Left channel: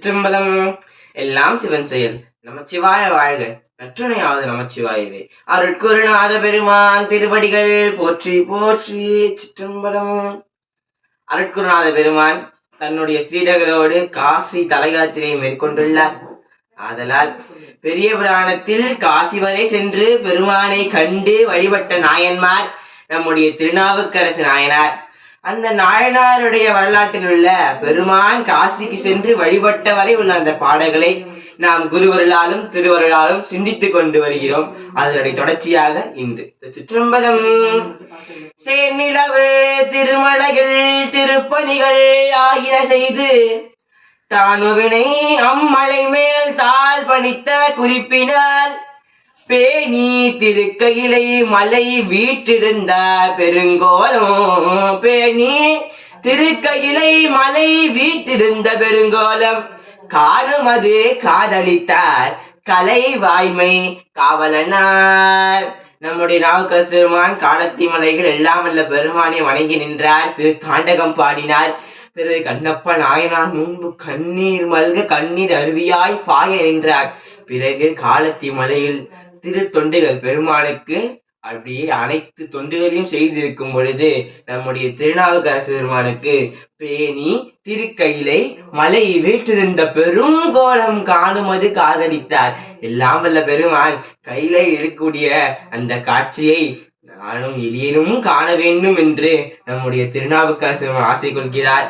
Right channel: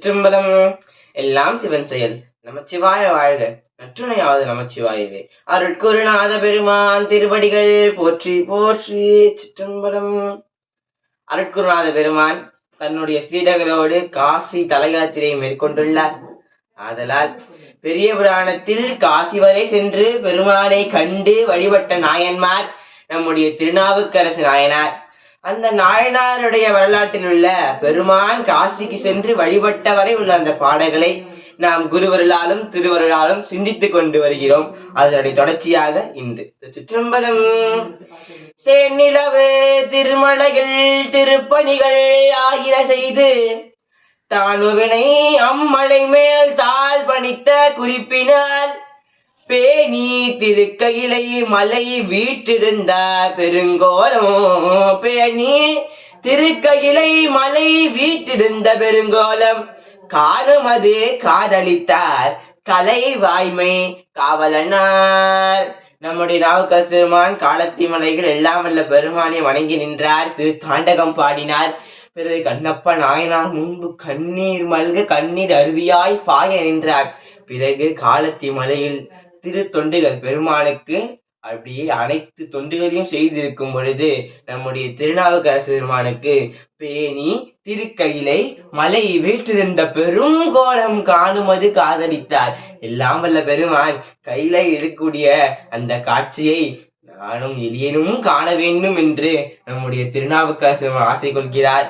திரும்பலம் எல்லாம் சிவன் செயல். நமச்சிவாய வாழ்க. நற்றுணையாவது நமச்சிவாயவே. அருட்குருநாத பெருமான் திருவடிகள் போற்றி போற்றி. சிற்றம்பலம். அருட்குருநாத பெருமான் தன்னுடைய ஸ்ரீடகளோடு காசி தலையாத்திரை மேற்கொண்டுள்ளார். ஆதலால் பெரிய புராணத்தில் காசி வரை சென்று பெருமானை கண்டு வழிபட்ட நாயன்மார் நம்முடைய திருநாவுக்கரசு நாயனார். அந்த நாயனாருடைய வரலாற்றில் உள்ள பெருமான் காசிக்கு சென்று வழிபட்ட வரை உள்ள அந்த பாடல்களை நாம் குருவருளாலும் திருவருளாலும் சிந்தித்துக் கொண்டு வருகிறோம். அதனுடைய தொடர்ச்சியாக இன்று சிற்றம்பலம். செந்நிலவு திருமலையில் திருப்பணிகள் ஆகிற செய்து தானுவினை அம்மலை மேல் தாழ் பணித்த குறிப்பினார் பேணி திருக்கையிலை மலை வீற்றிருந்த பெருங்கோலம். பேணி திருக்கையிலை மலை வீற்றிருந்த பெருங்கோலம் காணுமது காதலித்தார் கலை வாய்மை காவலனார். நம்முடைய நாவுக்கரசு பெருமான் காலத்தி மலைகள் எல்லாம் வல்ல பெருமானை வணங்கி நின்றார். திரு தாண்டகம் பாடினார். பிறகு கண்ணப்ப நாயனார் முன்பு கண்ணீர் மல்க கண்ணீர் அருவியாய் பாய நின்றார். பிறகு காலத்தி மலையில் திரு தொண்டுகள் பெருமானுக்கு அப்படியே அனைத்து தொண்டுகளையும் செய்திருக்கும் பொழுது நம்முடைய திருநாவுக்கரசு பெருமானுக்கு பேணி திருக்கையிலை மலை வீற்றிருந்த பெரும் கோலம் காணுமது காதலித்தார். எல்லாம் வல்ல பெருமான் கையில இருக்கக்கூடிய அந்த காட்சியை நானும் எளியனும் காண வேண்டும் என்று நம்முடைய திருநாவுக்கரசு ஆசை கொள்கிறார்.